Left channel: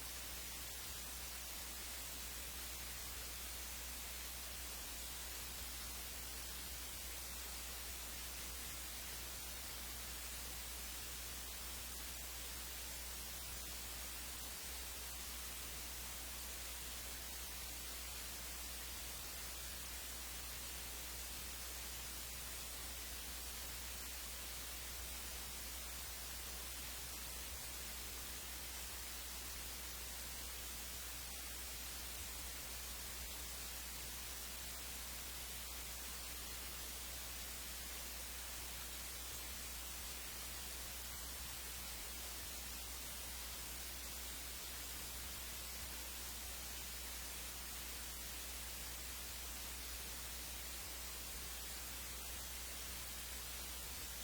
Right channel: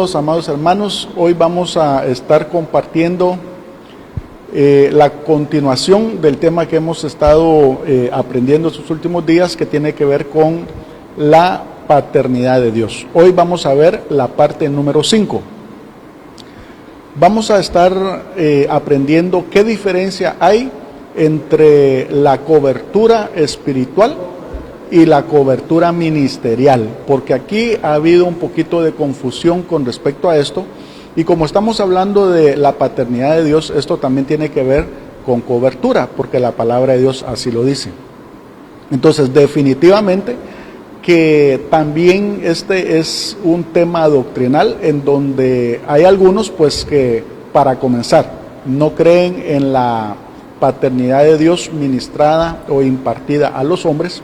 Amados hermanos, hoy vamos a estar compartiendo la continuación del tema que hemos estado aprendiendo estos últimos días, que tiene que ver con la paternidad de Dios. Hoy vamos a ver la parte número 5. Vamos a estar aprendiendo qué diferencia hay entre la cobertura espiritual y la cobertura ministerial, porque aquí ha habido un poquito de confusión con respecto a esto, y como estamos hablando de la paternidad de Dios, esto también tiene que ver con cobertura, porque la palabra de Dios así lo dice. Entonces, definitivamente que también este es un tema doctrinal en donde hay algunos, pues, que para comenzar no creen en la paternidad de Dios ministrada o impartida a los hombres,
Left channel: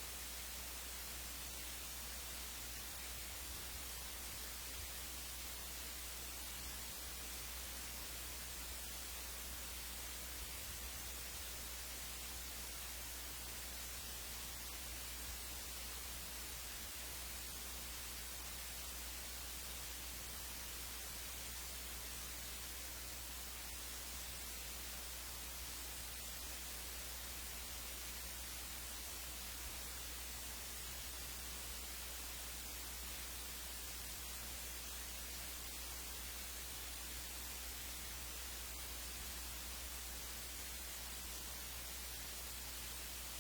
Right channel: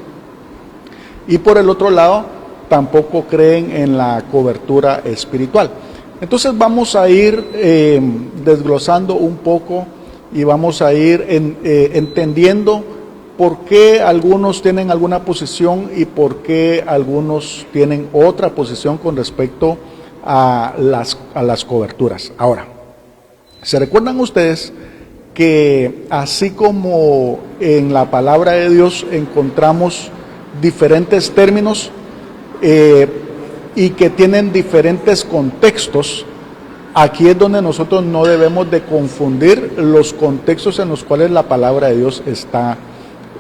y por el otro lado tampoco creen en la cobertura espiritual. Entonces vamos a ir desglosando un poco y vamos a ir entendiendo por qué algunos tienen alguna posición y por qué algunos tienen otra posición con respecto a las coberturas. Ahora, ¿se recuerdan ustedes que así como en la palabra de Dios encontramos diferentes términos y que tienen diferentes contextos? Aquí es donde nosotros no debemos de confundir los contextos en los cuales la palabra de Dios está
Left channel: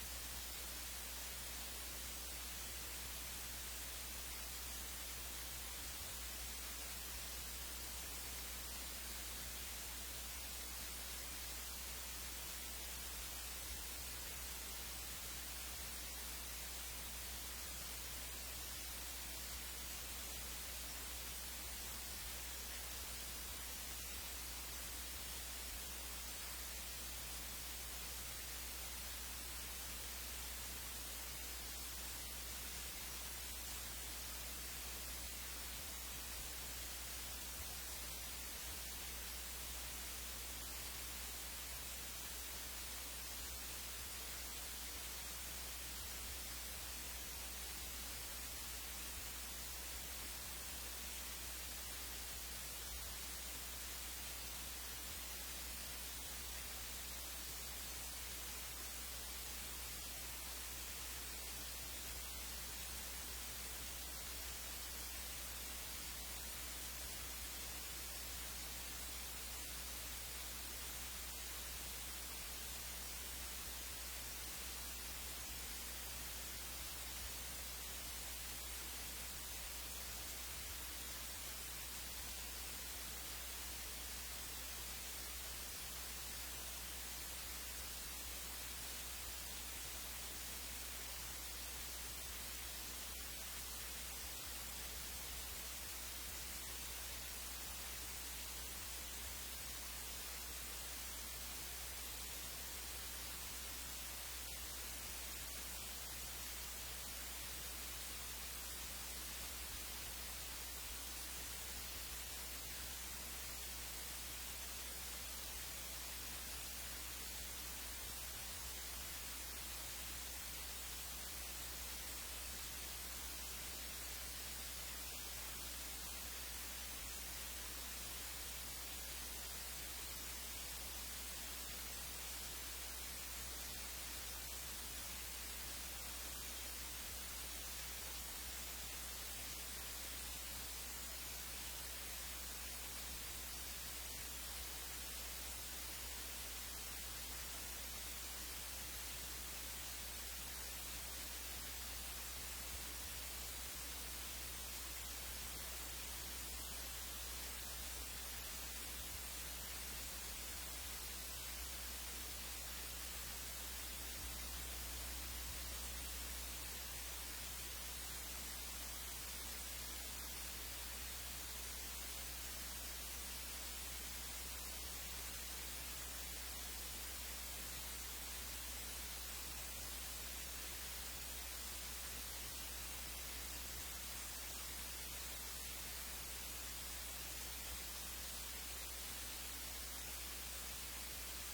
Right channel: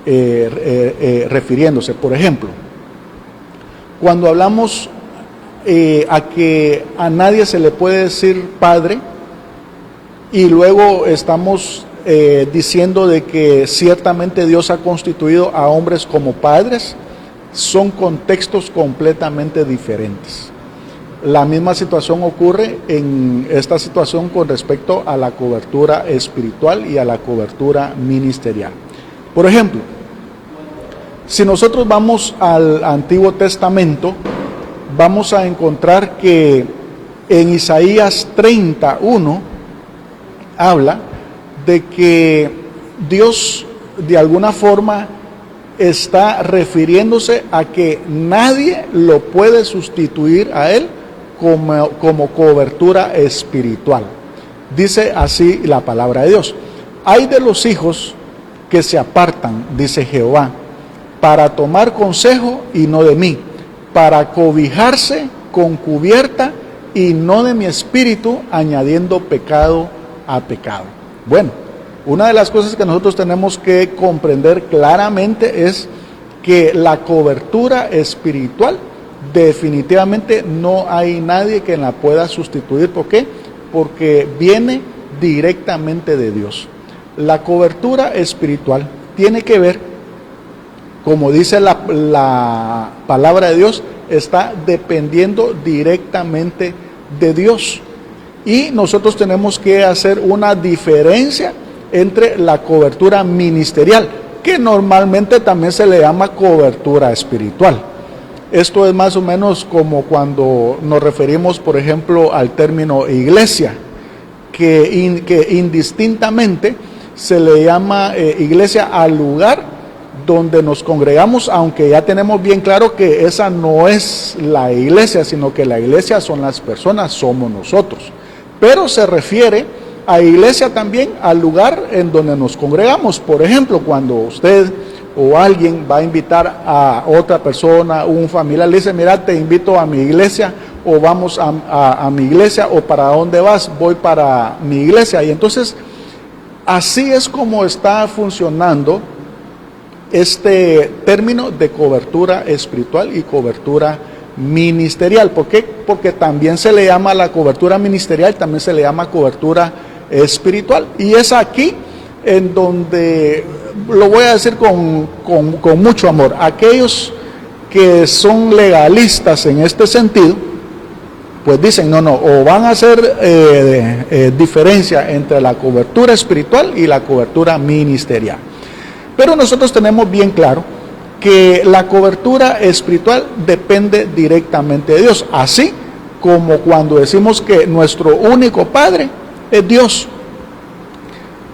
refiriéndose. Por ejemplo, cuando hablamos a que a nadie se le puede decir padre, y luego estamos diciendo de que ciertamente Dios ha constituido a hombres como padres, son contextos completamente diferentes. La misma situación ocurre en esta situación con respecto a la cobertura espiritual y a la cobertura ministerial. Por ejemplo, si nosotros vamos al Antiguo Testamento, vamos a encontrar que en Isaías 31 habla de que Dios de alguna forma está refiriéndose a que nadie lo puede sustituir a él como cobertura espiritual. Dice así la palabra de Dios: hay de los hijos que se apartan, dice Jehová, para tomar consejo y no de mí, para cobijarse con cubierta y no de mi espíritu, añadiendo pecado a pecado. Bueno, una de las cosas que nosotros tenemos que comprender claramente es que la cobertura espiritual definitivamente no hay nadie que la pueda sustituir. ¿Por qué? Porque viene directamente de Dios. La cobertura espiritual tiene que ver, como dice la palabra de Dios, está dependiendo directamente de Dios. Y nosotros tenemos que hacer una diferencia entre la cobertura ministerial, que normalmente también se le llama cobertura espiritual. Esto es más o menos como cuando nos referimos, por ejemplo, al término iglesia, que indistintamente se le llama iglesia al lugar donde nos congregamos, aunque ya tenemos bien claro que esa no es la iglesia, sino que la iglesia son las personas, somos nosotros. Pero se refiere a iglesia también al lugar en donde nos congregamos. Por ejemplo, cuando usted o alguien va a invitar a otra persona, un familiar, le dice: mira, te invito a mi iglesia, o vamos a mi iglesia, o ¿para dónde vas? Voy para mi iglesia. Y entonces, así es como está funcionando este término de cobertura espiritual y cobertura ministerial. ¿Por qué? Porque también se le llama la cobertura ministerial, también se le llama cobertura espiritual. Y es aquí en donde, lo voy a decir con mucho amor, aquellos que son legalistas en este sentido, pues dicen: no, o van a hacer diferencia entre la cobertura espiritual y la cobertura ministerial. Pero nosotros tenemos bien claro que la cobertura espiritual depende directamente de Dios, así como cuando decimos que nuestro único Padre es Dios.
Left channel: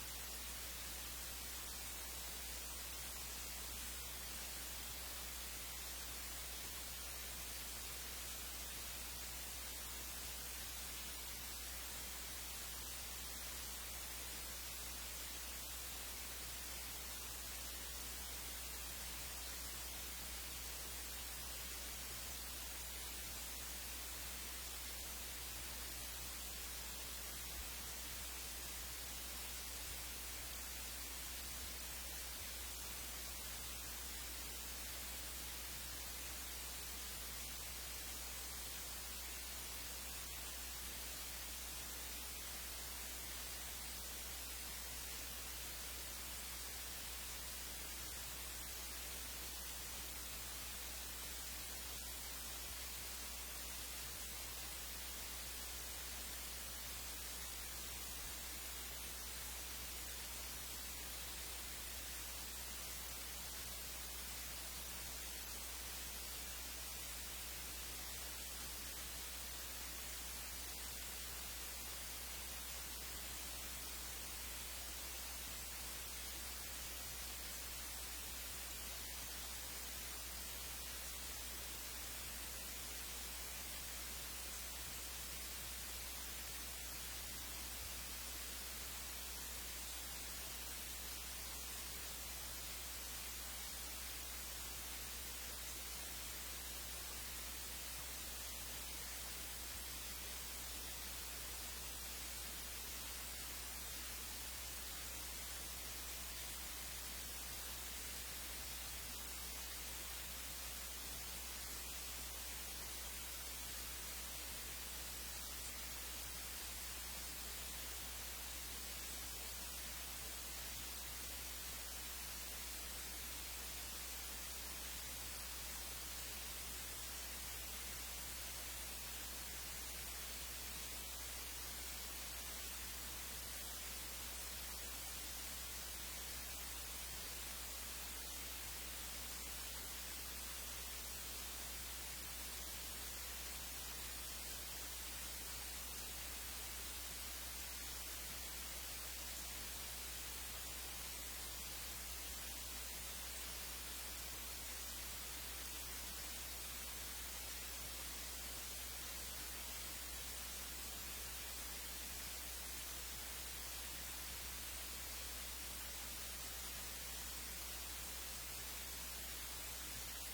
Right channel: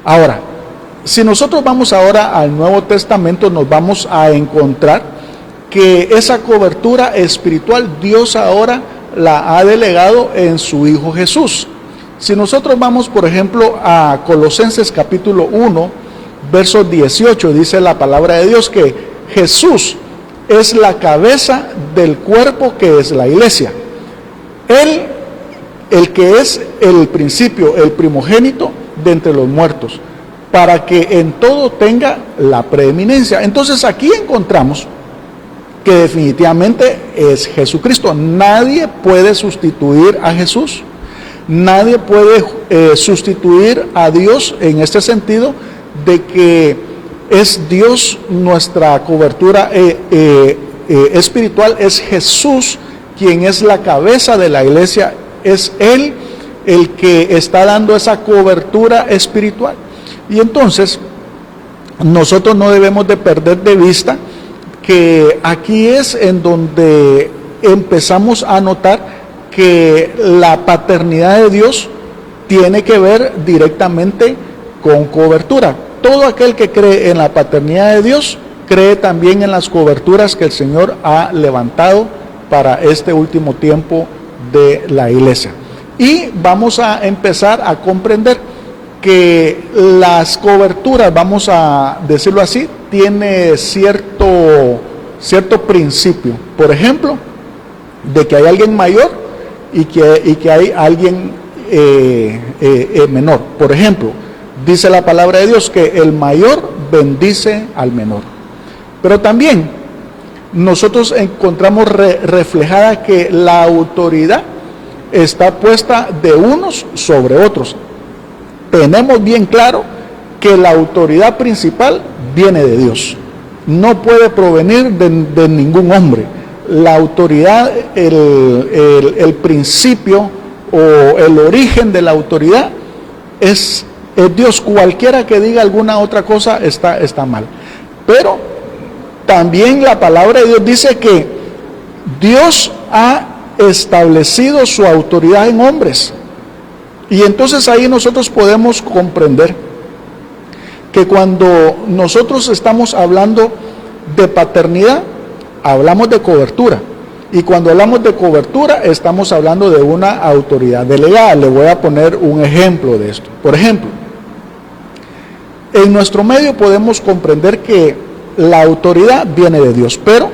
Ahora, si nosotros vamos ahora al Nuevo Testamento, nos vamos a encontrar que esa cobertura espiritual Dios ahora la ha delegado en su Hijo Jesús. Si nosotros vamos, por ejemplo, a Colosenses capítulo 1, verso 18, dice la palabra de Dios que Jesús es la cabeza del cuerpo que es la iglesia. Él, el que es el principio, el primogénito de entre los muertos, para que en todo tenga la preeminencia. Entonces aquí encontramos que definitivamente es Jesucristo. Nadie puede sustituir a Jesús. Nadie puede sustituir a Dios en este sentido de que es Dios nuestra cobertura espiritual. Es Jesús quien es la cabeza de la iglesia. Es Él el que está dando esa cobertura espiritual. Y entonces nosotros no debemos de perder de vista que aquí es en donde empezamos a notar que la paternidad de Dios tiene que ver directamente con cobertura. Todo aquel que cree en la paternidad de Dios, cree también en las coberturas que el Señor ha levantado para este último tiempo de la iglesia. Y vamos a empezar a comprender que las coberturas, vamos a decirlo así, tiene cierto principio. Por ejemplo, de que hay alguien mayor y que hay alguien menor. Por ejemplo, dice la palabra de Dios que el mayor bendice al menor. Pero también nosotros encontramos reflejada que la autoridad está puesta de unos sobre otros. Tenemos bien claro que la autoridad principal viene de Dios. No puede provenir de ningún hombre. La autoridad, el principio o el origen de la autoridad es Dios. Cualquiera que diga alguna otra cosa está mal. Pero también la palabra de Dios dice que Dios ha establecido su autoridad en hombres. Y entonces ahí nosotros podemos comprender que cuando nosotros estamos hablando de paternidad, hablamos de cobertura. Y cuando hablamos de cobertura, estamos hablando de una autoridad delegada. Le voy a poner un ejemplo de esto. Por ejemplo, en nuestro medio podemos comprender que la autoridad viene de Dios, pero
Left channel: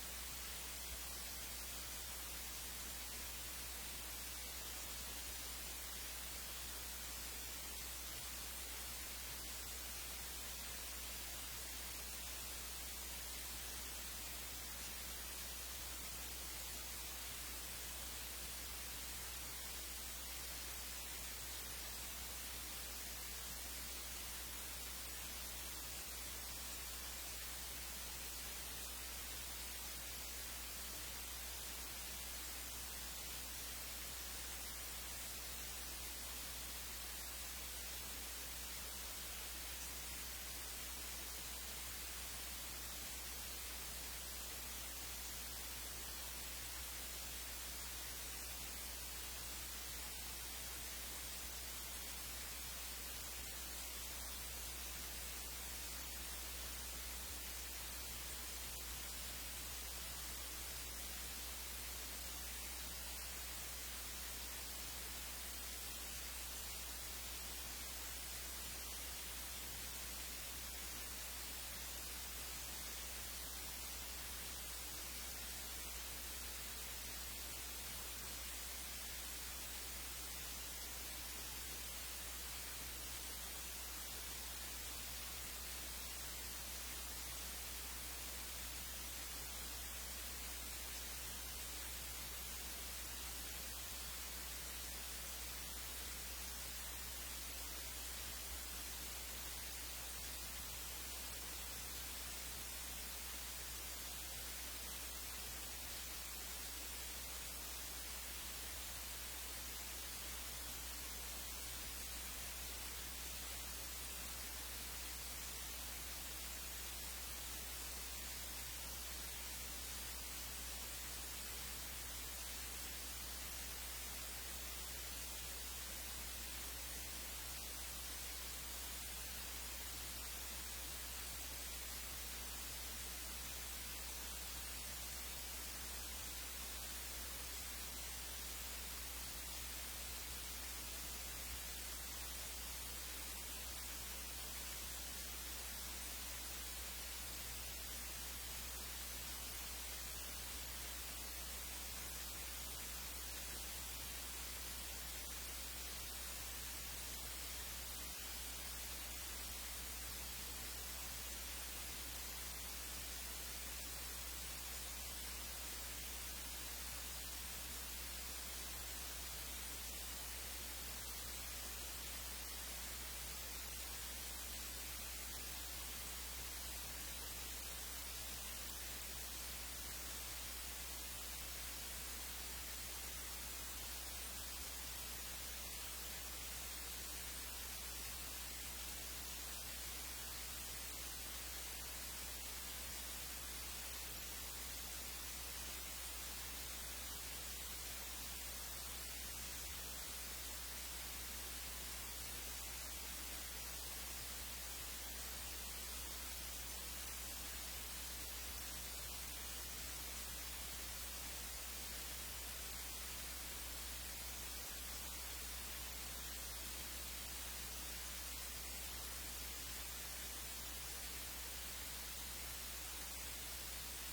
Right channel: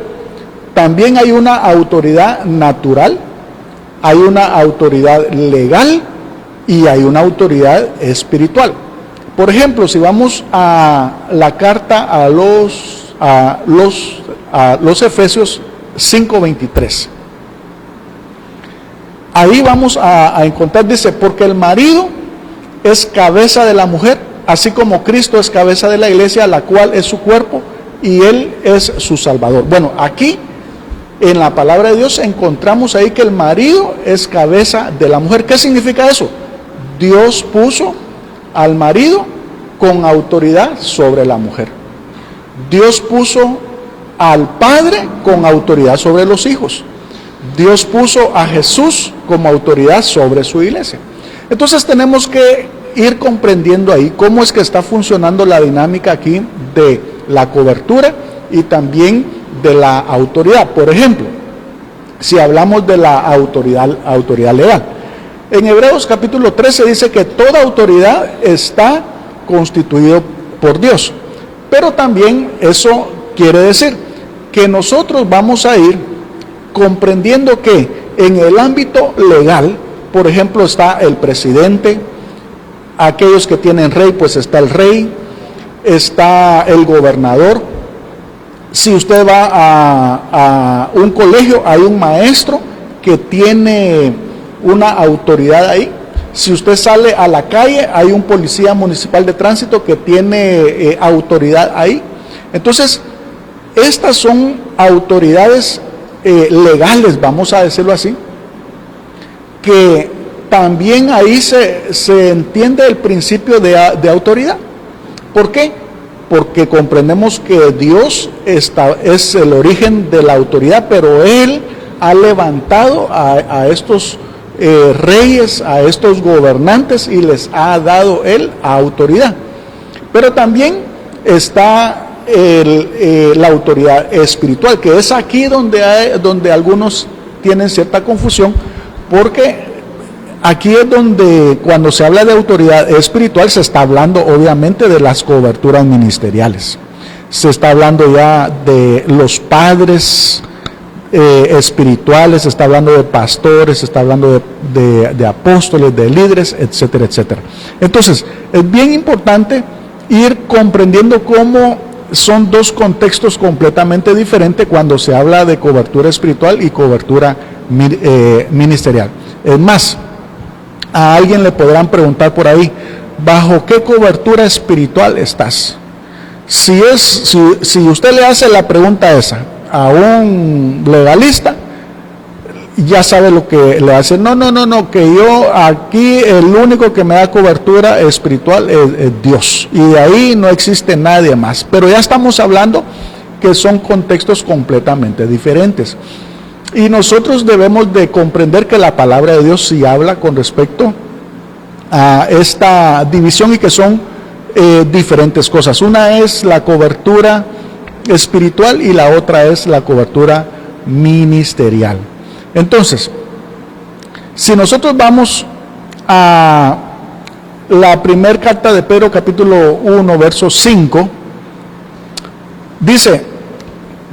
también hay una autoridad natural, hay una autoridad legal y hay una autoridad espiritual. Por ejemplo, si vamos a la carta a los Efesios 5:23, ahí vamos a encontrar, dice, porque el marido es cabeza de la mujer, así como Cristo es cabeza de la iglesia, la cual es su cuerpo, y Él es su Salvador. Bueno, aquí en la palabra de Dios encontramos ahí que el marido es cabeza de la mujer. ¿Qué significa eso? Dios puso al marido con autoridad sobre la mujer. Dios puso al padre con autoridad sobre los hijos. Dios puso a Jesús como autoridad sobre su iglesia. Entonces tenemos que ir comprendiendo ahí cómo es que está funcionando la dinámica aquí de la cobertura y también de la autoridad. Por ejemplo, si hablamos de la autoridad legal, en Hebreos capítulo 13 dice que toda autoridad está constituida por Dios, pero también eso quiere decir que nosotros vamos a ir comprendiendo que en el ámbito legal, por ejemplo, está el presidente, aquellos que tienen rey, pues está el rey, está el gobernador. Si usted va a un colegio, hay un maestro que tiene una autoridad ahí. Si usted sale a la calle, hay un policía municipal de tránsito que tiene autoridad ahí. Entonces, estas son autoridades legales, vamos a decirlo así, que también ahí se entiende el principio de autoridad. ¿Por qué? Porque comprendemos que Dios es el origen de la autoridad, pero Él ha levantado a estos reyes, a estos gobernantes, y les ha dado Él autoridad. Pero también está la autoridad espiritual, que es aquí donde algunos tienen cierta confusión, porque aquí es donde cuando se habla de autoridad espiritual se está hablando obviamente de las coberturas ministeriales. Se está hablando ya de los padres espirituales, se está hablando de pastores, se está hablando de apóstoles, de líderes, etcétera, etcétera. Entonces, es bien importante ir comprendiendo cómo son dos contextos completamente diferentes cuando se habla de cobertura espiritual y cobertura ministerial. Es más, a alguien le podrán preguntar por ahí, ¿bajo qué cobertura espiritual estás? Si usted le hace la pregunta esa a un legalista, ya sabe lo que le hace. No, que yo aquí el único que me da cobertura espiritual es Dios, y de ahí no existe nadie más. Pero ya estamos hablando que son contextos completamente diferentes. Y nosotros debemos de comprender que la palabra de Dios sí habla con respecto a esta división y que son diferentes cosas. Una es la cobertura espiritual y la otra es la cobertura ministerial. Entonces, si nosotros vamos a la primera carta de Pedro, capítulo 1, verso 5, dice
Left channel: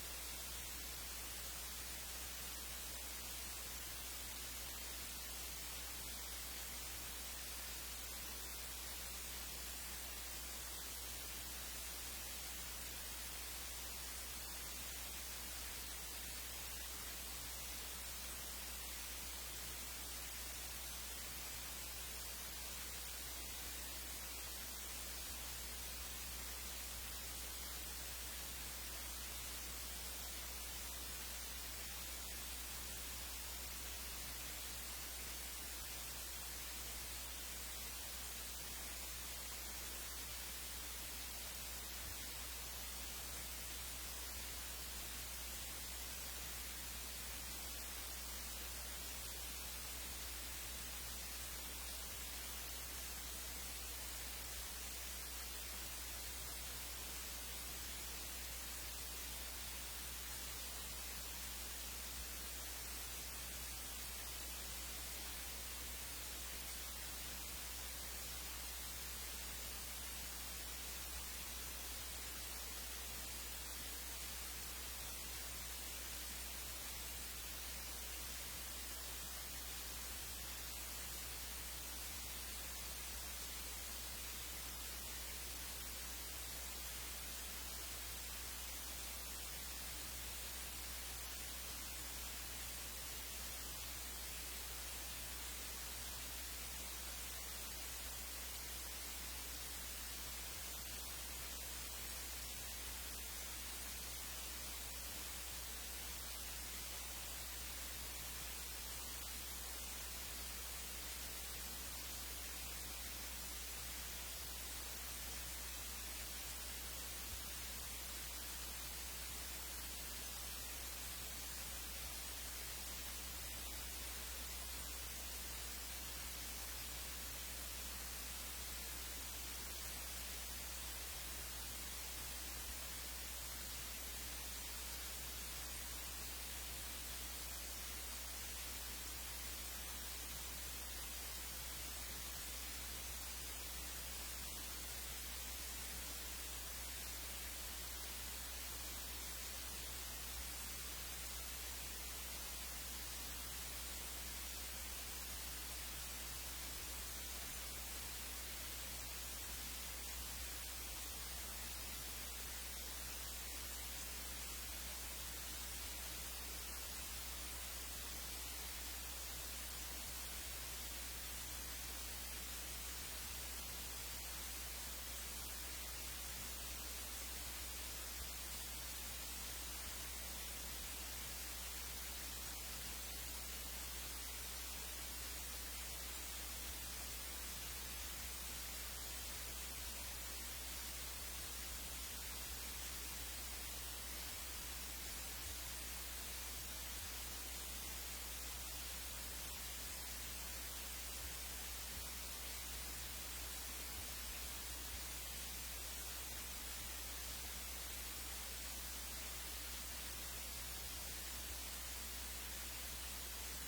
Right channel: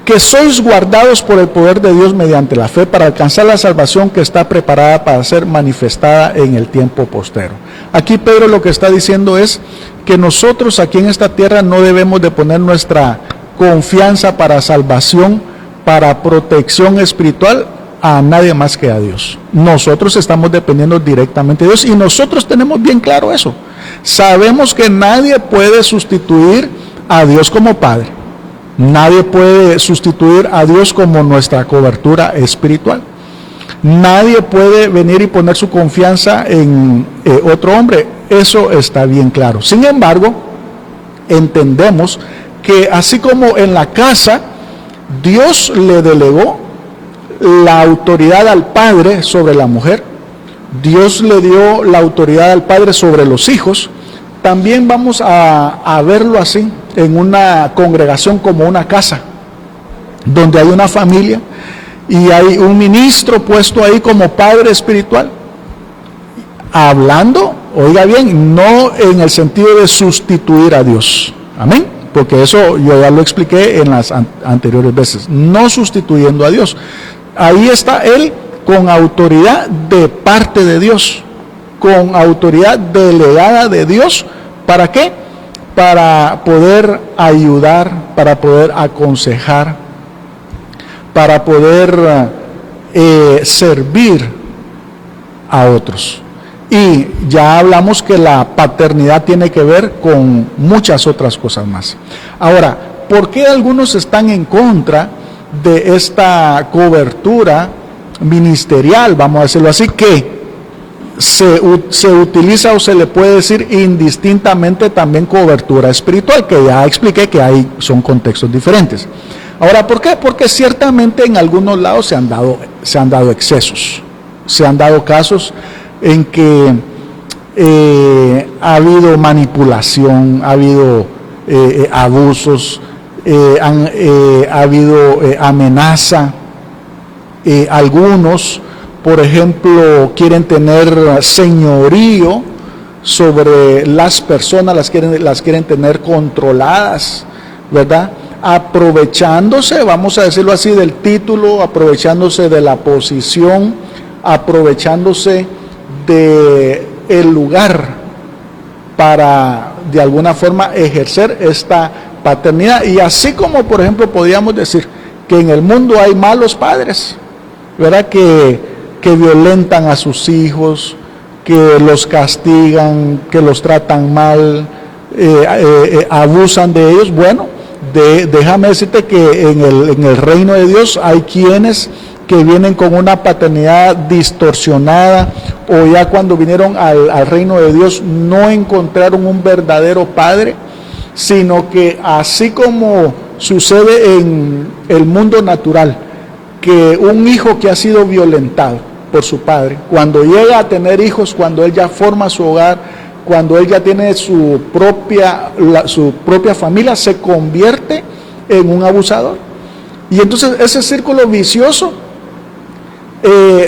que sois guardados por el poder de Dios mediante la fe para alcanzar la salvación que está preparada para ser manifestada en el tiempo postero. Aquí Pedro lo que está diciendo es que nosotros aquí en esta tierra no debemos de poner nuestra confianza para salvación, para protección espiritual a nadie más que a Dios. Nosotros estamos dependiendo directamente de Dios y nosotros tenemos bien claro eso. Sabemos que nadie puede sustituir a Dios como Padre. Nadie puede sustituir a Dios como nuestra cobertura espiritual. Nadie puede venir y poner su confianza en otro hombre. Eso está bien claro. Sin embargo, entendemos que así como en la casa, Dios le delegó la autoridad al padre sobre la mujer, Dios le dio la autoridad al padre sobre los hijos, también vamos a verlo así en una congregación como una casa, donde hay una familia y hay un ministro puesto ahí como padre espiritual, hablando, oiga bien, no en el sentido de sustituir a Dios, amén, porque eso yo ya lo expliqué en las anteriores veces, no sustituyendo a Dios. Ahí está él con autoridad de parte de Dios, con autoridad delegada de Dios. ¿Para qué? Para poder ayudar, para poder aconsejar, para poder servir a otros. Y ya hablamos que la paternidad tiene que ver con muchas otras cosas más. Ahora, ¿por qué algunos están en contra de esta cobertura ministerial, vamos a decirlo así, que se utiliza o se le puede decir indistintamente también cobertura espiritual, que ya expliqué que ahí son contextos diferentes? Ahora, ¿por qué? Porque ciertamente en algunos lados se han dado excesos, se han dado casos en que ha habido manipulación, ha habido abusos, ha habido amenaza. Algunos, por ejemplo, quieren tener señorío sobre las personas, las quieren tener controladas, ¿verdad? Aprovechándose, vamos a decirlo así, del título, aprovechándose de la posición, aprovechándose del lugar para de alguna forma ejercer esta paternidad. Y así como, por ejemplo, podríamos decir que en el mundo hay malos padres, ¿verdad? Que violentan a sus hijos, que los castigan, que los tratan mal, abusan de ellos. Bueno, déjame decirte que en el reino de Dios hay quienes que vienen con una paternidad distorsionada, o ya cuando vinieron al reino de Dios no encontraron un verdadero padre, sino que así como sucede en el mundo natural, que un hijo que ha sido violentado por su padre, cuando llega a tener hijos, cuando él ya forma su hogar, cuando él ya tiene su propia familia, se convierte en un abusador. Y entonces ese círculo vicioso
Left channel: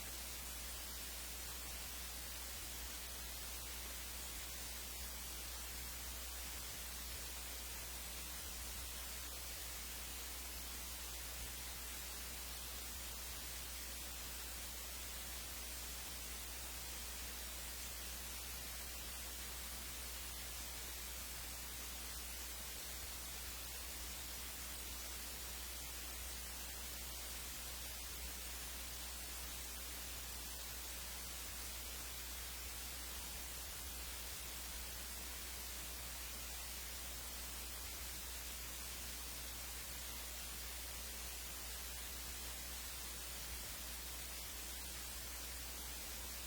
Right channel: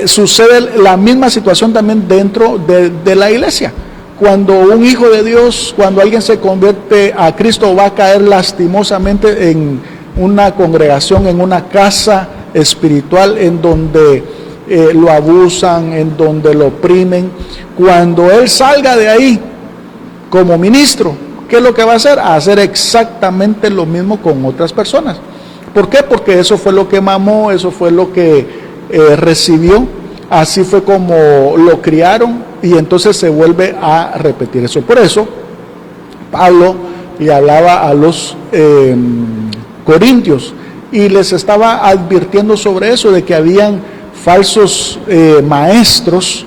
sucede la misma situación también dentro de la iglesia. Cuando un hijo de Dios, cuando alguien se convierte a Cristo, va a caer lastimosamente en una congregación, en una casa espiritual en donde lo abusan, en donde lo oprimen. Cuando él salga de ahí como ministro, ¿qué es lo que va a hacer? A hacer exactamente lo mismo con otras personas. ¿Por qué? Porque eso fue lo que mamó, eso fue lo que recibió, así fue como lo criaron, y entonces se vuelve a repetir eso. Por eso Pablo le hablaba a los corintios y les estaba advirtiendo sobre eso, de que habían falsos maestros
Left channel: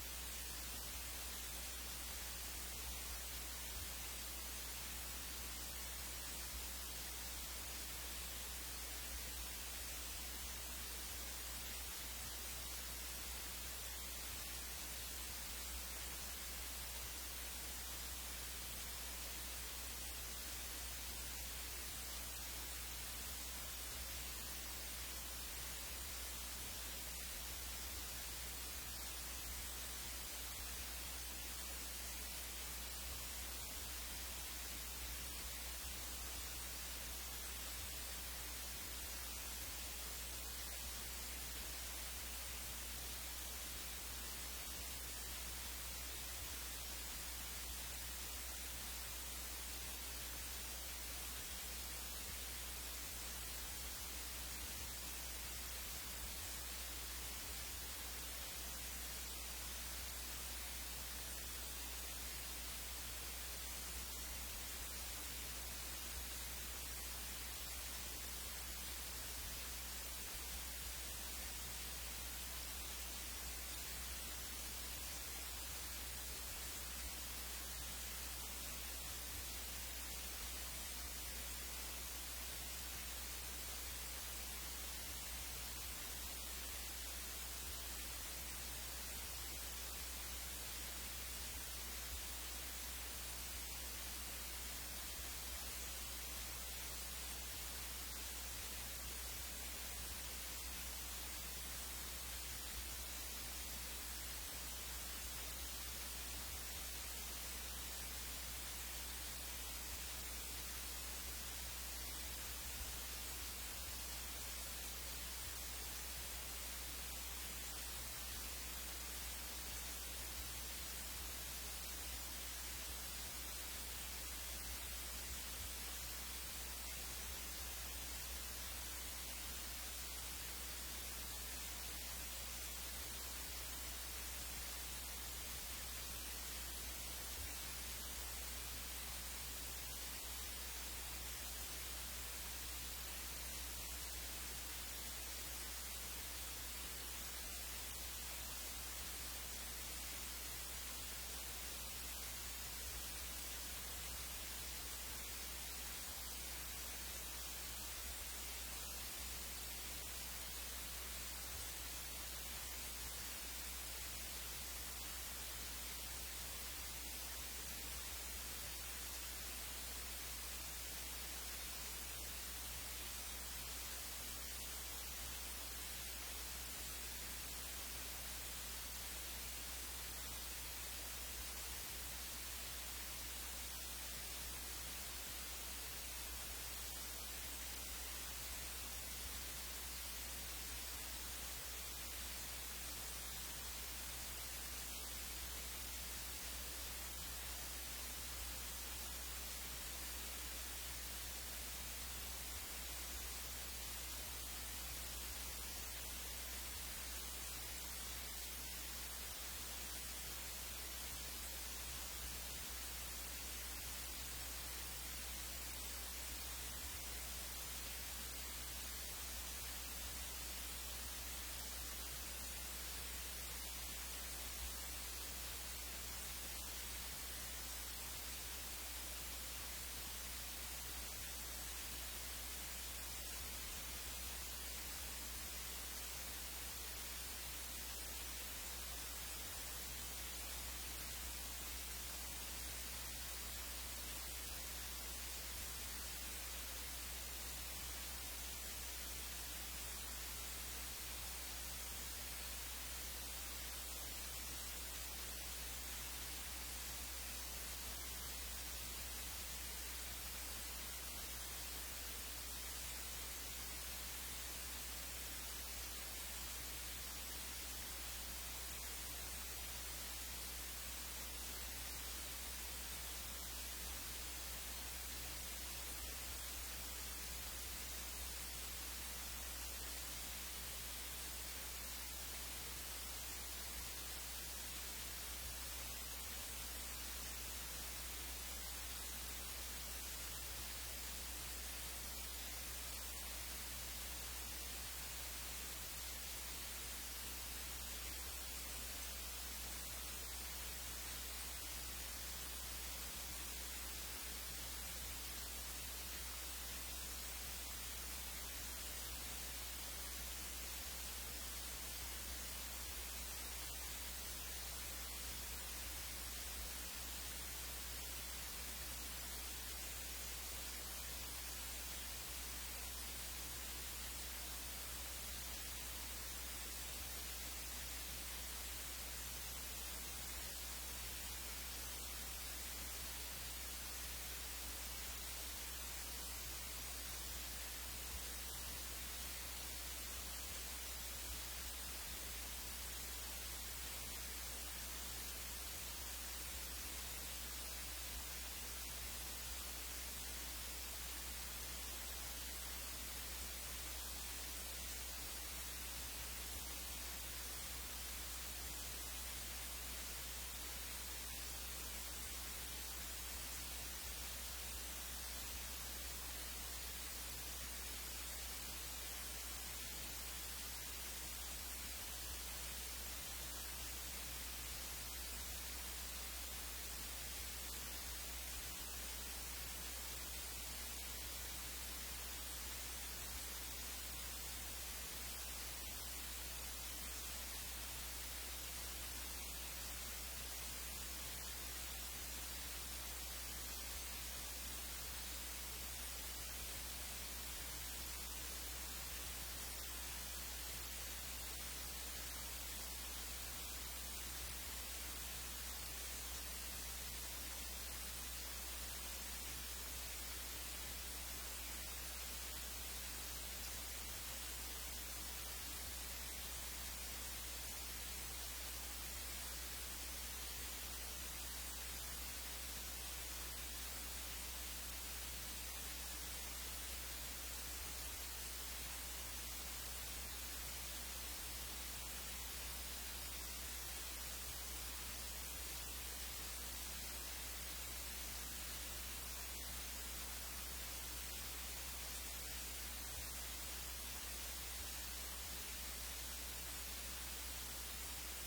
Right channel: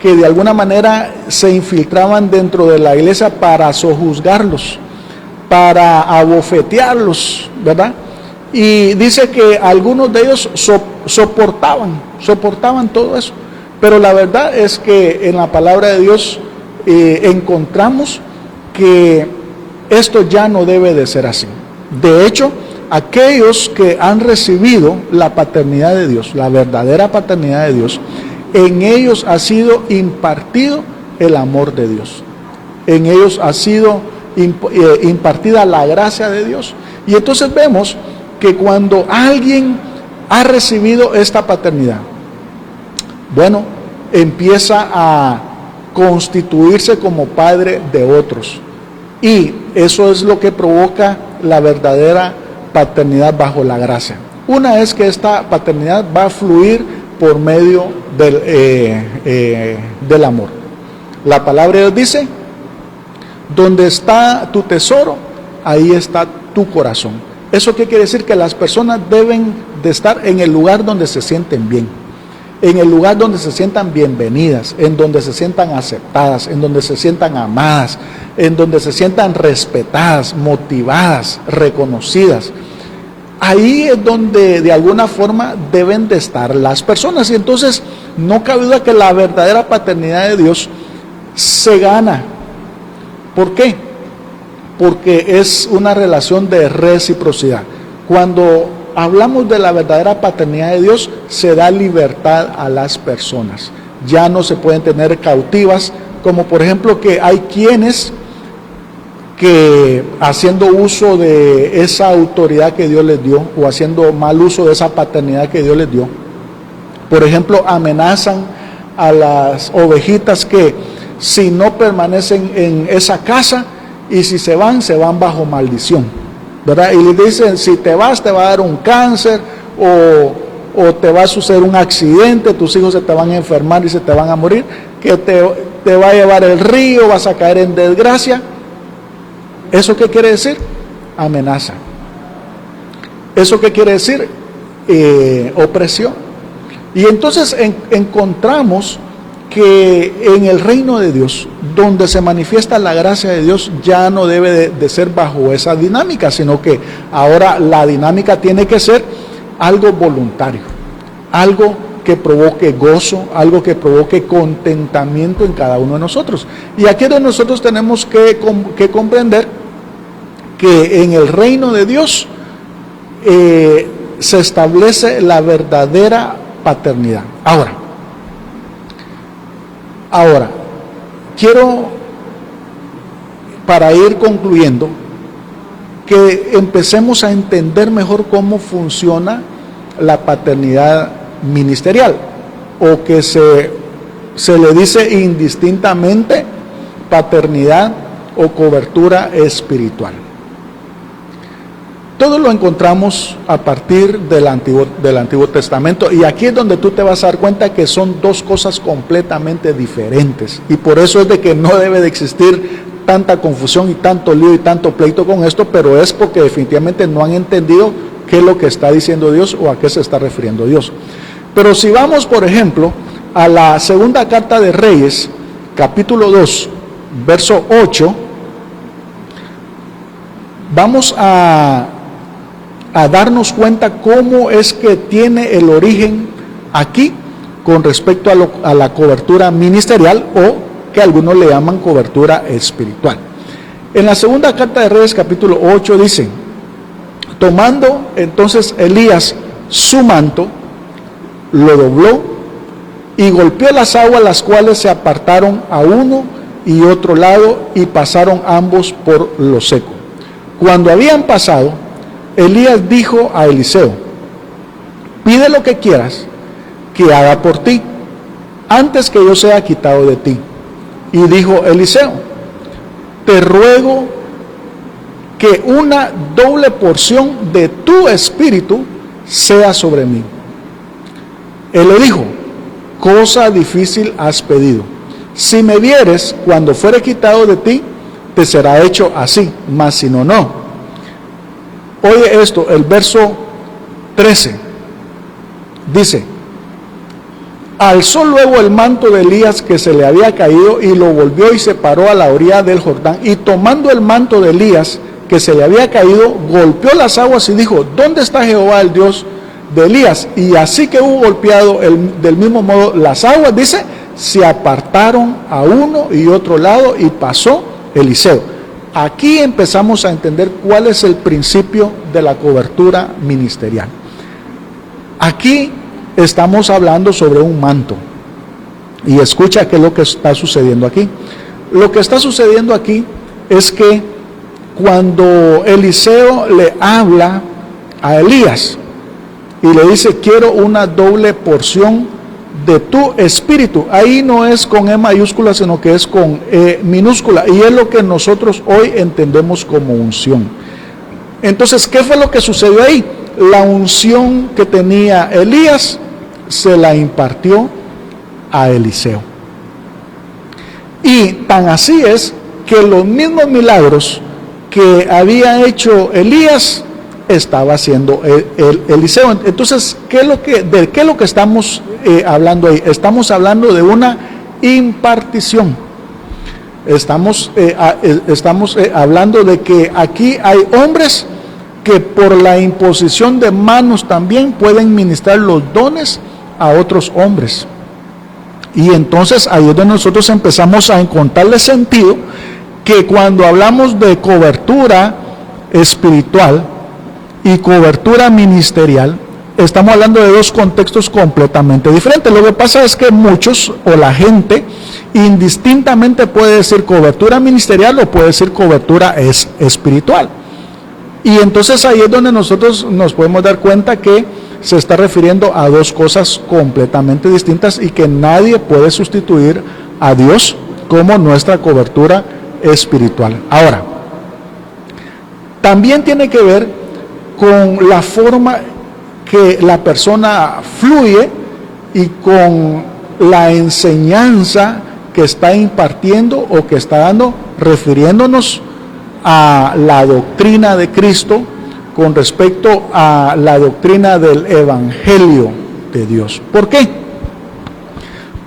que de alguna manera se infiltraban dentro de la iglesia para sojuzgarlos, para abofetearlos, ¿verdad? Y dice que algunos de ellos soportaban todo eso. Pero la verdad es que en la palabra de Dios encontramos que esto ya no debe de ser así. De hecho, aquellos que han recibido la paternidad de Dios, la verdadera paternidad de Dios, en ellos ha sido impartido el amor de Dios. En ellos ha sido impartida la gracia de Dios. Y entonces vemos que cuando alguien ha recibido esta paternidad, bueno, empieza a constituirse como padre de otros. Y eso es lo que provoca la verdadera paternidad bajo la gracia. Una es que esta paternidad va a fluir por medio del amor. La palabra de Dios dice: donde está tu tesoro, ahí está tu corazón. ¿Eso qué quiere decir? Que las personas deben de estar en el lugar donde se sienten bien, en el lugar donde se sientan bienvenidas, en donde se sientan aceptadas, en donde se sientan amadas, en donde se sientan respetadas, motivadas, reconocidas. Ahí es donde de alguna forma deben de estar las personas. Y entonces no cabe duda que la verdadera paternidad de Dios se gana. ¿Por qué? Porque es una relación de reciprocidad. Cuando hablamos de la verdadera paternidad de Dios, se da libertad a las personas. Ya no se pueden tener cautivas, como por ejemplo que hay quienes que haciendo uso de esa autoridad que Dios les dio, o haciendo mal uso de esa paternidad que Dios les dio, por ejemplo, amenazan a las ovejitas que si no permanecen en esa casa, y si se van bajo maldición, ¿verdad? Y les dicen: si te vas, te va a dar un cáncer, o te va a suceder un accidente, tus hijos se te van a enfermar y se te van a morir, que te va a llevar el río, vas a caer en desgracia. ¿Eso qué quiere decir? Amenaza. ¿Eso qué quiere decir? Opresión. Y entonces encontramos que en el reino de Dios, donde se manifiesta la gracia de Dios, ya no debe de ser bajo esa dinámica, sino que ahora la dinámica tiene que ser algo voluntario, algo que provoque gozo, algo que provoque contentamiento en cada uno de nosotros. Y aquí es donde nosotros tenemos que comprender que en el reino de Dios se establece la verdadera paternidad. Ahora, quiero, para ir concluyendo, que empecemos a entender mejor cómo funciona la paternidad ministerial, o que se le dice indistintamente paternidad o cobertura espiritual. Todo lo encontramos a partir del Antiguo Testamento, y aquí es donde tú te vas a dar cuenta que son dos cosas completamente diferentes, y por eso es de que no debe de existir tanta confusión y tanto lío y tanto pleito con esto, pero es porque definitivamente no han entendido qué es lo que está diciendo Dios o a qué se está refiriendo Dios. Pero si vamos, por ejemplo, a la segunda carta de Reyes, capítulo 2, verso 8, vamos a darnos cuenta cómo es que tiene el origen aquí con respecto a la cobertura ministerial, o que algunos le llaman cobertura espiritual. En la segunda carta de Reyes, capítulo 8, dice: tomando entonces Elías su manto, lo dobló y golpeó las aguas, las cuales se apartaron a uno y otro lado, y pasaron ambos por lo seco. Cuando habían pasado, Elías dijo a Eliseo: pide lo que quieras que haga por ti, antes que yo sea quitado de ti. Y dijo Eliseo: te ruego que una doble porción de tu espíritu sea sobre mí. Él le dijo: cosa difícil has pedido. Si me vieres cuando fuere quitado de ti, te será hecho así, mas si no, no. Oye esto, el verso 13 dice: alzó luego el manto de Elías que se le había caído y lo volvió y se paró a la orilla del Jordán, y tomando el manto de Elías que se le había caído, golpeó las aguas y dijo: ¿dónde está Jehová, el Dios de Elías? Y así que hubo golpeado del mismo modo las aguas, dice, se apartaron a uno y otro lado, y pasó Eliseo. Aquí empezamos a entender cuál es el principio de la cobertura ministerial. Aquí estamos hablando sobre un manto, y escucha qué es lo que está sucediendo aquí. Lo que está sucediendo aquí es que cuando Eliseo le habla a Elías y le dice: quiero una doble porción de tu espíritu, ahí no es con E mayúscula, sino que es con E minúscula, y es lo que nosotros hoy entendemos como unción. Entonces, ¿qué fue lo que sucedió ahí? La unción que tenía Elías se la impartió a Eliseo. Y tan así es que los mismos milagros que había hecho Elías estaba haciendo Eliseo. Entonces, ¿de qué es lo que estamos hablando ahí? Estamos hablando de una impartición. Estamos hablando de que aquí hay hombres que por la imposición de manos también pueden ministrar los dones a otros hombres. Y entonces ahí es donde nosotros empezamos a encontrarle sentido, que cuando hablamos de cobertura espiritual y cobertura ministerial, estamos hablando de dos contextos completamente diferentes. Lo que pasa es que muchos, o la gente, indistintamente puede decir cobertura ministerial o puede decir cobertura espiritual. Y entonces ahí es donde nosotros nos podemos dar cuenta que se está refiriendo a dos cosas completamente distintas, y que nadie puede sustituir a Dios como nuestra cobertura espiritual. Ahora, también tiene que ver con la forma que la persona fluye y con la enseñanza que está impartiendo o que está dando, refiriéndonos a la doctrina de Cristo con respecto a la doctrina del Evangelio de Dios. ¿Por qué?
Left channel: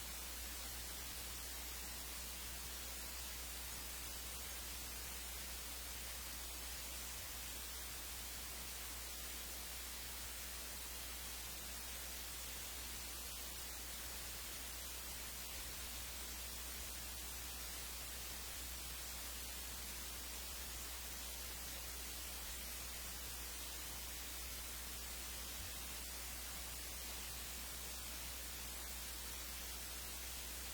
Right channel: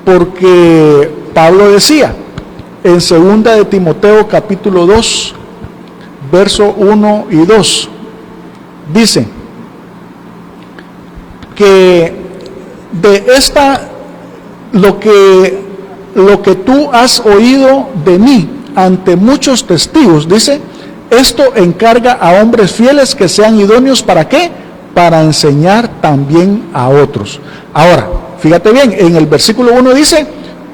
Porque Pablo decía en 2 de Timoteo capítulo 2, verso 1 y 2, dice que de lo que tú has oído de mí ante muchos testigos, dice, esto encarga a hombres fieles que sean idóneos, ¿para qué? Para enseñar también a otros. Ahora, fíjate bien, en el versículo 1 dice:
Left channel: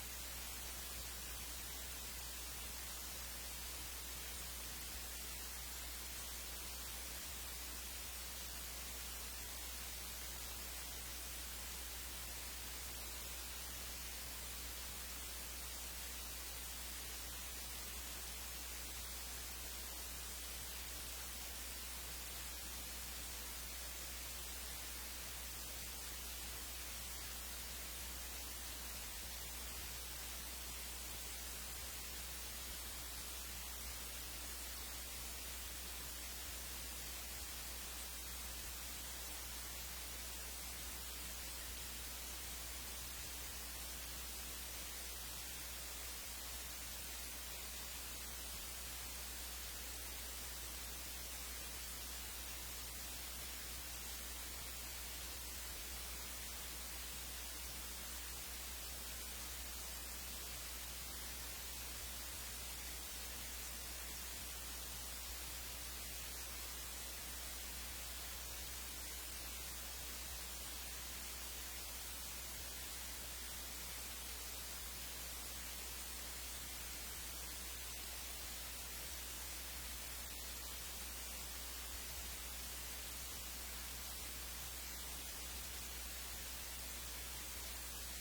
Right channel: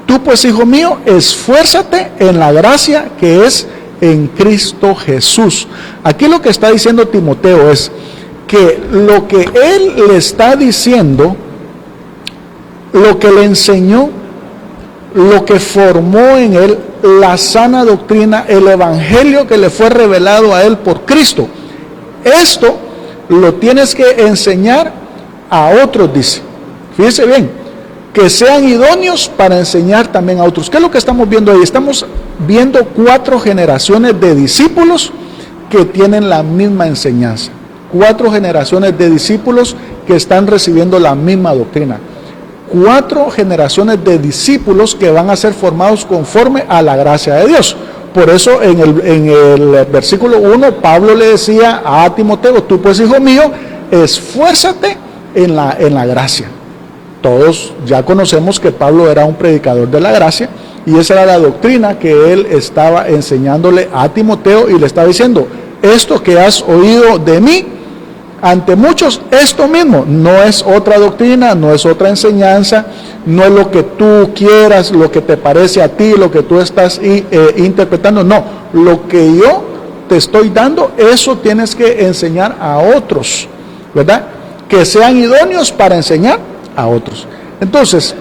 tú pues, hijo mío, esfuérzate en la gracia que es en Cristo Jesús. Aquí lo que está diciendo Timoteo es que lo que él le está diciendo, lo que le enseñó, lo que formó en él, la sana doctrina, el evangelio que le fue revelado a él por Cristo, esto lo tienes que enseñar a otros, dice. Fíjense bien, que sean idóneos para enseñar también a otros. ¿Qué es lo que estamos viendo ahí? Estamos viendo 4 generaciones de discípulos que tienen la misma enseñanza. 4 generaciones de discípulos que están recibiendo la misma doctrina. 4 generaciones de discípulos que van a ser formados conforme a la gracia de Dios. Por eso en el versículo 1 Pablo le decía a Timoteo: tú pues, hijo mío, esfuérzate en la gracia. Todos ya conocemos que Pablo era un predicador de la gracia, y esa era la doctrina que él estaba enseñándole a Timoteo, y le estaba diciendo: esto que has oído de mí ante muchos, esto mismo, no es otra doctrina, no es otra enseñanza, no es lo que tú quieras, lo que te parece a ti, lo que tú estás interpretando, no, lo que yo te estoy dando, eso tienes que enseñar a otros, ¿verdad? Que sean idóneos para enseñar a otros. Entonces,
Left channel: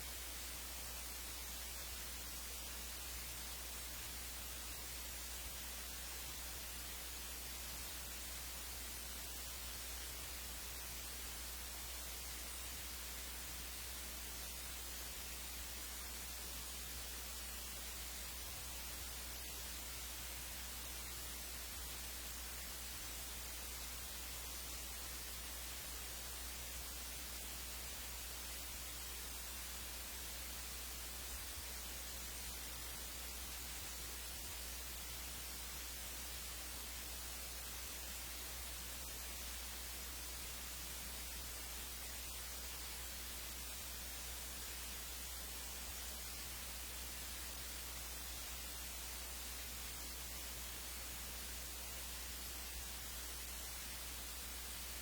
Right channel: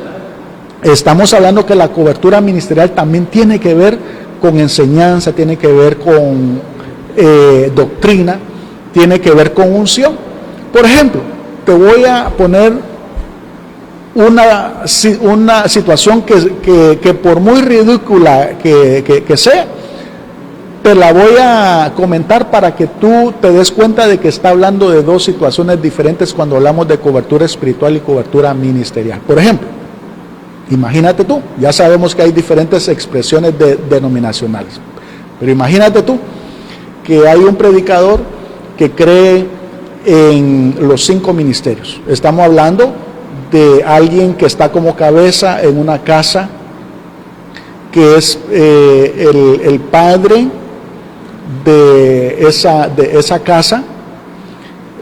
estamos hablando que la cobertura ministerial también tiene que ver con enseñanza, tiene que ver con doctrina, tiene que ver con unción. Por ejemplo, te voy a poner una situación que por muy ridícula que sea, te la voy a comentar para que tú te des cuenta de que está hablando de dos situaciones diferentes cuando hablamos de cobertura espiritual y cobertura ministerial. Por ejemplo, imagínate tú, ya sabemos que hay diferentes expresiones denominacionales, pero imagínate tú que hay un predicador que cree en los 5 ministerios. Estamos hablando de alguien que está como cabeza en una casa, que es el padre de esa casa,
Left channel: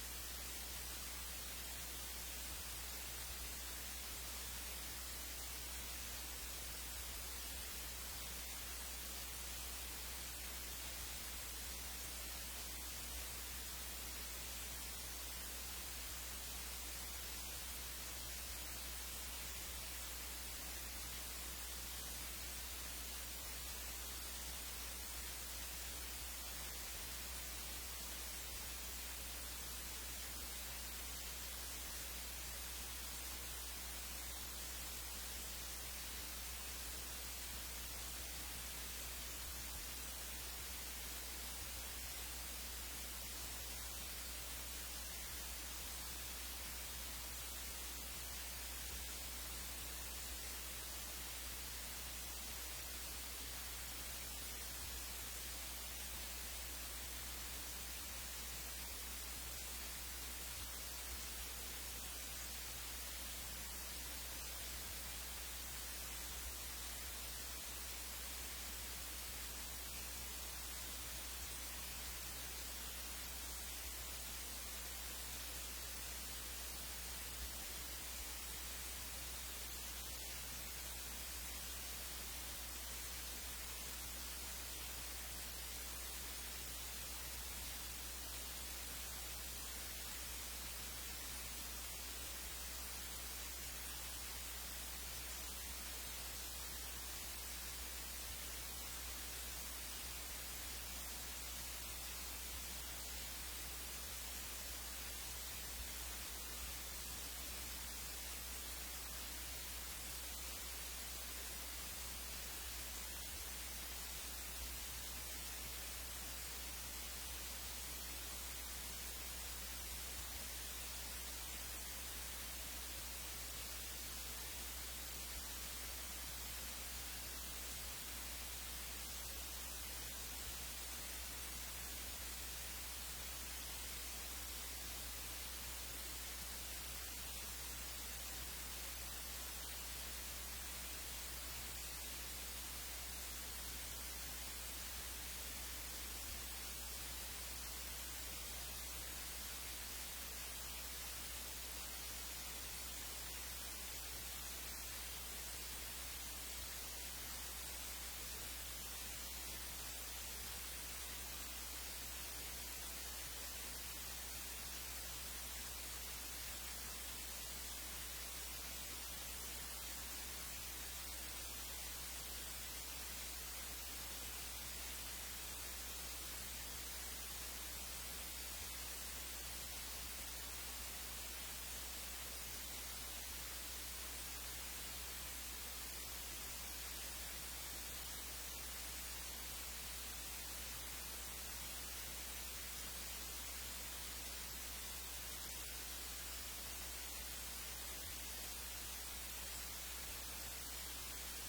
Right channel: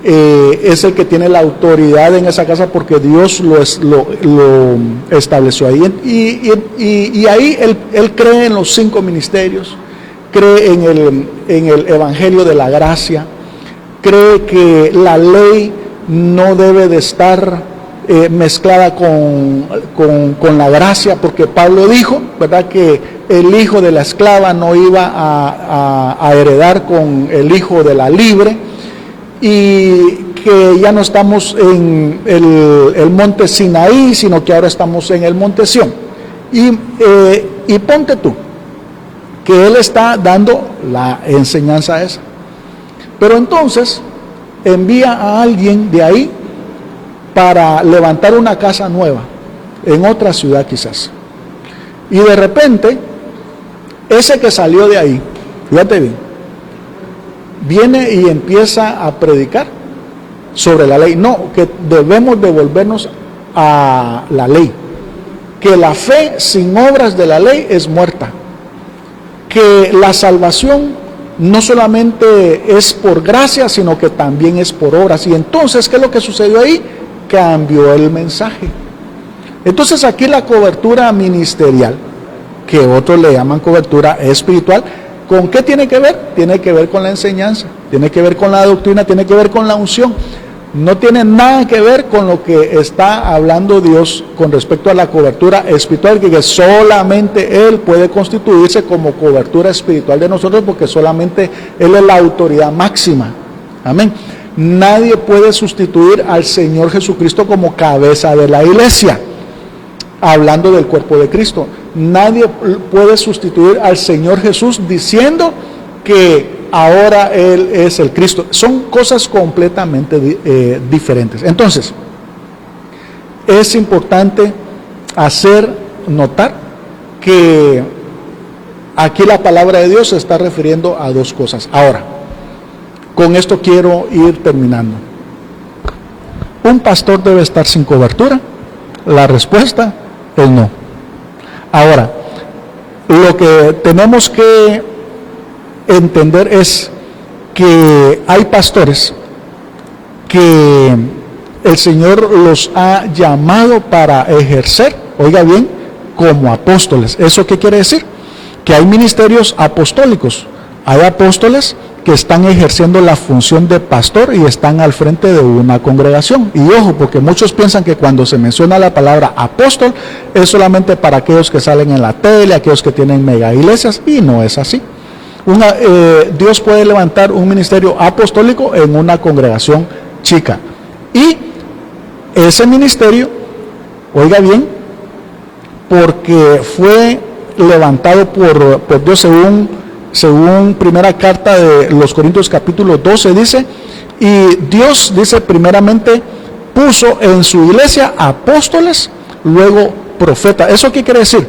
es el que tiene la autoridad en esa casa porque Dios lo estableció ahí. Y ahí él cree en los 5 ministerios, cree en el evangelio de la gracia, cree que la ley no debe de estar mezclada con la gracia, porque Pablo dijo, ¿verdad?, que el hijo de la esclava no iba a heredar con el hijo de la libre, y que ya no estamos en el monte Sinaí, sino que ahora estamos en el monte Sión. Y ponte tú que él está dando la enseñanza esa, pero entonces envía a alguien de ahí para levantar una casa nueva en otra ciudad quizás, y de repente ese que salió de ahí, fíjate bien, viene y empieza a predicar sobre la ley. No, que debemos devolvernos a la ley, que la fe sin obras de la ley es muerta, que la salvación no solamente es por gracia, sino que también es por obras. Y entonces, ¿qué es lo que sucedió ahí? Cambió el mensaje. Entonces aquí la cobertura ministerial, que otros le llaman cobertura espiritual, ¿con qué tiene que ver? Tiene que ver con la enseñanza, tiene que ver con la doctrina, tiene que ver con la unción. No tiene nada que ver con lo que está hablando Dios con respecto a la cobertura espiritual, que solamente Él puede constituirse como cobertura espiritual de nosotros, porque solamente Él es la autoridad máxima. Amén. Nadie puede sustituir al Señor Jesucristo como cabeza de la iglesia, hablando del cuerpo de Cristo. Nadie puede sustituir al Señor Jesús diciendo que ahora Él es el Cristo. Son cosas completamente diferentes. Entonces, es importante hacer notar que aquí la palabra de Dios se está refiriendo a dos cosas. Ahora, con esto quiero ir terminando. ¿Un pastor debe estar sin cobertura? La respuesta es no. Ahora, lo que tenemos que entender es que hay pastores que el Señor los ha llamado para ejercer, oiga bien, como apóstoles. ¿Eso qué quiere decir? Que hay ministerios apostólicos, hay apóstoles que están ejerciendo la función de pastor y están al frente de una congregación. Y ojo, porque muchos piensan que cuando se menciona la palabra apóstol es solamente para aquellos que salen en la tele, aquellos que tienen mega iglesias, y no es así. Dios puede levantar un ministerio apostólico en una congregación chica, y ese ministerio, oiga bien, porque fue levantado por Dios según primera carta de los Corintios capítulo 12 dice, y Dios dice primeramente puso en su iglesia apóstoles, luego profetas. ¿Eso qué quiere decir?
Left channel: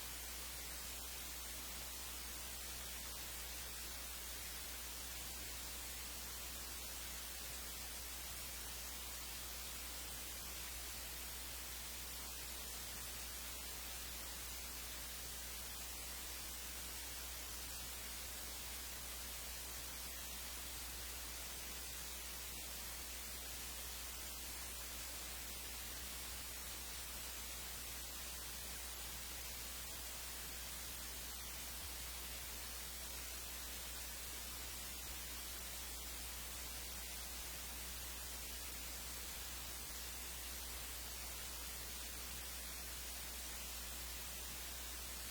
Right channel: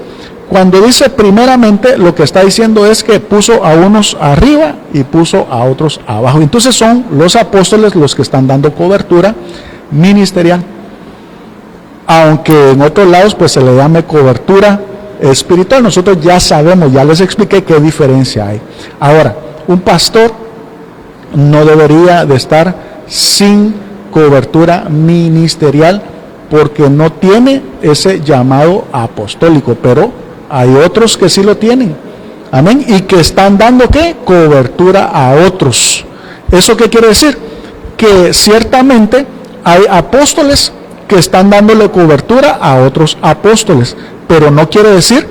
Cuando dice primeramente, lo que está diciendo es que puso a unos arriba y puso a otros abajo. Entonces son los apóstoles los que están dando cobertura ministerial, aunque en otros lados pues se le llame cobertura espiritual. Nosotros ya sabemos, ya les expliqué qué diferencia hay. Ahora, un pastor no debería de estar sin cobertura ministerial porque no tiene ese llamado apostólico, pero hay otros que sí lo tienen, amén, y que están dando, ¿qué? Cobertura a otros. ¿Eso qué quiere decir? Que ciertamente hay apóstoles que están dándole cobertura a otros apóstoles, pero no quiere decir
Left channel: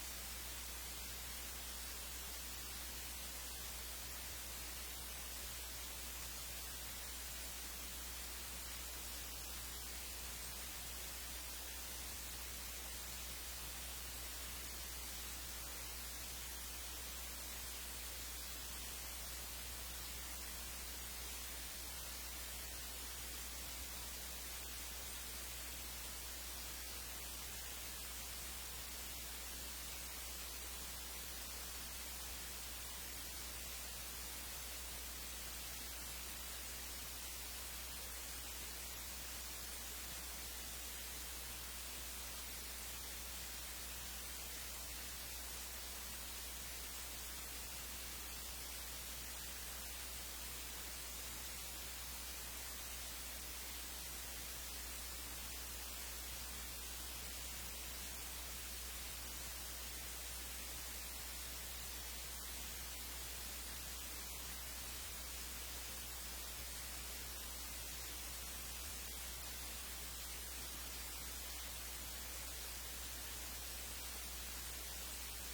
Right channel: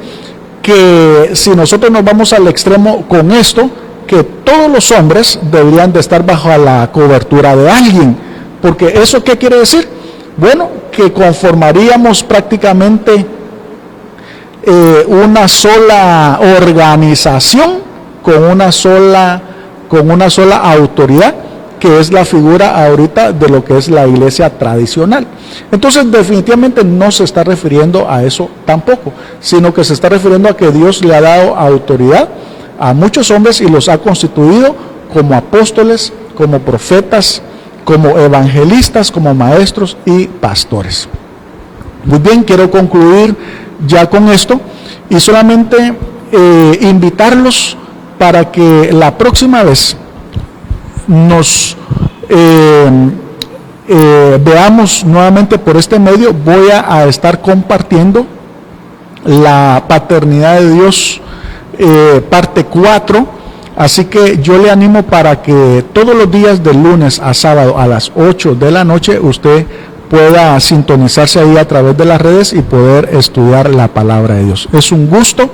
que si nosotros nos vamos al extremo con esto, que todos los hombres deberían de estar bajo la cobertura de alguien, porque ¿eso qué quiere decir? Bueno, que conformaríamos prácticamente una sola organización con una sola autoridad, que es la figura ahorita de lo que es la iglesia tradicional. Entonces definitivamente no se está refiriendo a eso tampoco, sino que se está refiriendo a que Dios le ha dado autoridad a muchos hombres y los ha constituido como apóstoles, como profetas, como evangelistas, como maestros y pastores. Muy bien, quiero concluir ya con esto y solamente invitarlos para que la próxima vez nos veamos nuevamente por este medio. Voy a estar compartiendo la paternidad de Dios, parte 4, así que yo le animo para que todos los días de lunes a sábado a las 8 de la noche usted pueda sintonizarse ahí a través de las redes y poder estudiar la palabra de Dios. Es un gusto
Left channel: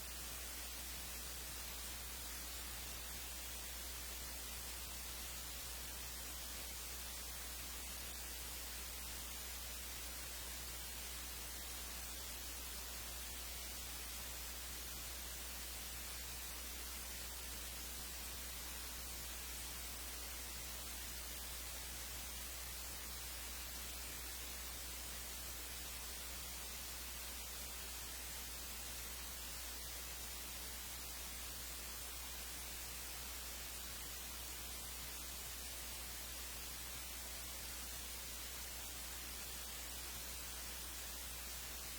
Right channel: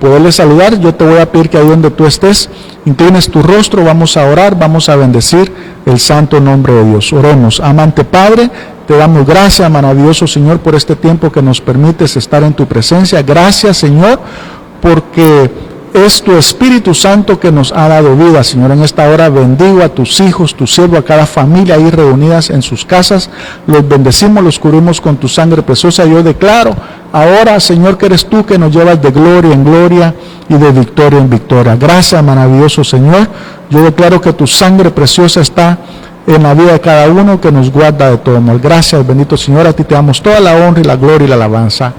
poderle saludar. Yo te voy a pedir que ahí donde tú estés, inclines tu rostro, vamos a orar, vamos a bendecir el santo nombre de Dios. Oremos. Amante Padre, te damos gracias, maravilloso Señor, por este tiempo que nos permites estar en tu presencia. Gracias, Señor, porque es tu Espíritu Santo que nos ha dado vida, Señor. En esta hora bendigo a tus hijos, tu siervo, a cada familia ahí reunidas en sus casas. Los bendecimos, los cubrimos con tu sangre preciosa. Yo declaro ahora, Señor, que eres tú que nos llevas de gloria en gloria y de victoria en victoria. Gracias, maravilloso Señor. Yo declaro que tu sangre preciosa está en la vida de cada uno, que nos guarda de todo mal. Gracias, bendito Señor. A ti te damos toda la honra y la gloria y la alabanza.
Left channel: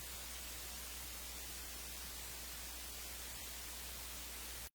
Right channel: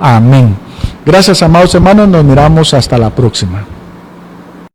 Amén. Gracias, amados hermanos, nos miramos hasta la próxima.